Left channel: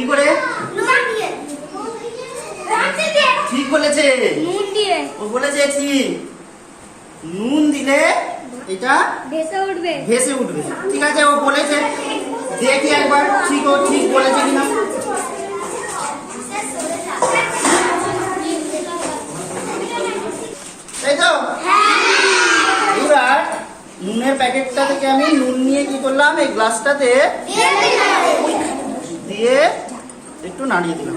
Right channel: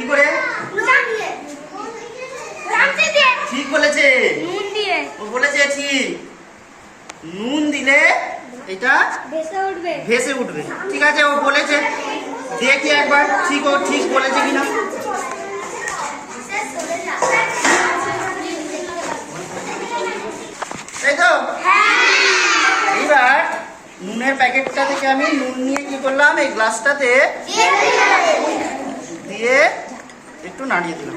কি করে? ঠিক বলেছে, ও বলেছে ঠিক। নুন দিলে এটা ভেসে উঠবে। ঠিক আছে, ও বলেছে, দেখি একবার ঠিক ও ঠিক বলেছে কিনা। তাই তো? এবার নুনের প্যাকেটটা থেকে আমি নুন নিয়ে কি করলাম, এই গ্লাসটাতে দিয়ে একটু নাড়িয়ে দিলাম।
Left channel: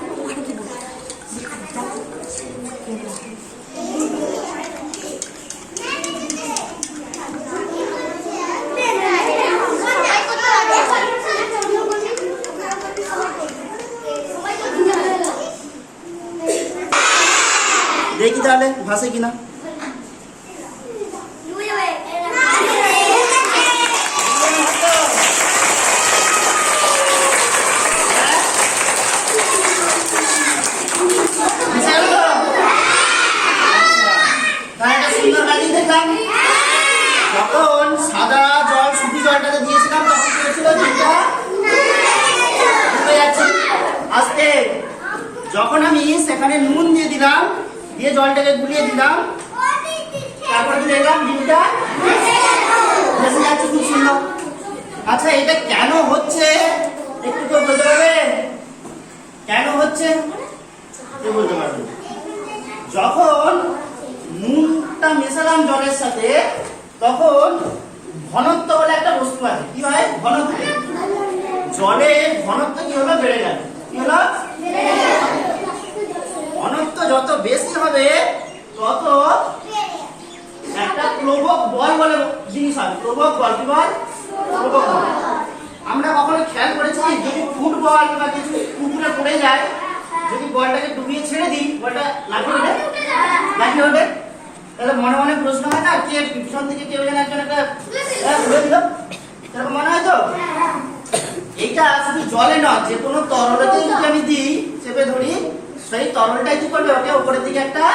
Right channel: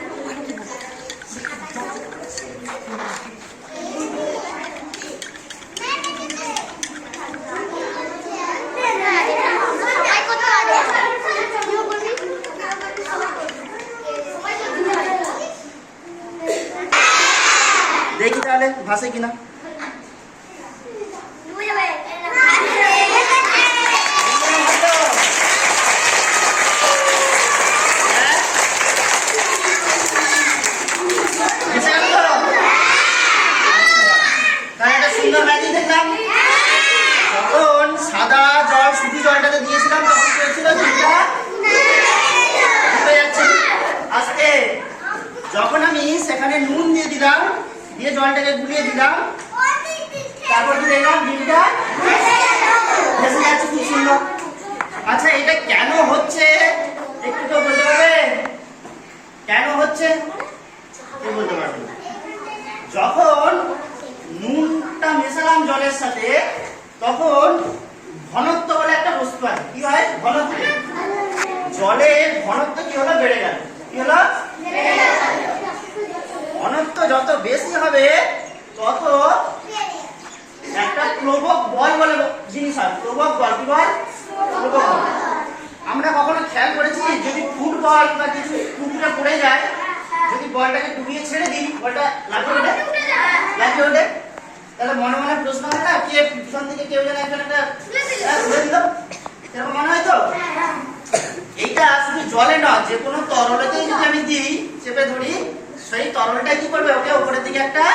দেখি তাহলে ভাসে কিনা। সুন্দর ম্যাজিক দেখলাম। যখন সাদা জল শুধু জলটাতে দিয়েছিলাম তখন কি হচ্ছিল, জলটা ডুবে যাচ্ছে আস্তে। যখন আমি সেখানে নুন দিয়ে দিলাম, দিয়ে জলটাকে গুলিয়ে দিলাম, তারপর কি দেখলাম ডিমটা ভেসে যাচ্ছে, খুব সুন্দর। আচ্ছা, এটা কেন হচ্ছে একটু কেউ বলতে পারবে? কেন হচ্ছে কেউ বলতে পারবে? যখন নুনটা মেশালাম জলের সাথে, তখন ঘনত্ব বলে একটা বস্তু আছে। কি হয়? ঘনত্ব। জলের ঘনত্ব কি হলো? বেড়ে গেল। কি হলো? ঘনত্ব যত বেশি হবে তত একটা প্লবক বল বলে জিনিস হয়। প্লবক বল। কি বল? প্লবক বল। আমরা কখনো খেয়াল করেছি, যদি ফুটবল বা কিছু পুকুরে পড়ে যায়, যদি বলটাকে ডুবিয়ে ছেড়ে দিই, বলটা লাগিয়ে ওঠে, তাহলে মনে মনে প্রশ্ন হয় না, কে পিছন থেকে কেউ যেন একজন একটা তুলে দিল, এরকম মনে হয় তো? এইটা শুধু জলে নয়, যে কোনো তরলতেই যদি আমি দিই, চেপে ধরি, সেই তরলটাই কি করবে, ওকে উপরের দিকে একটা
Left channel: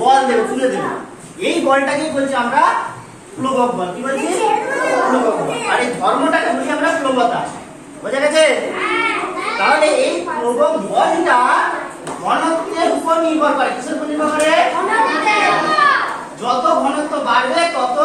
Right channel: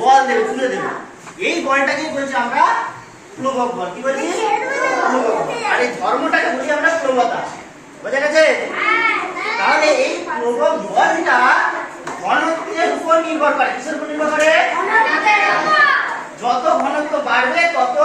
বল দেবে, তুলে দেবে। এই বলটাকে বলছি আমরা প্লবক বল। কি বলছি? প্লবক বল। আর এই ধর্মটাকে বলছি আমরা প্লবতা। বোঝা গেছে? তাহলে এই প্লবক বলটা ঘনত্বের উপর নির্ভর করে। কিসের উপর নির্ভর করে? যত ঘনত্ব বাড়বে তত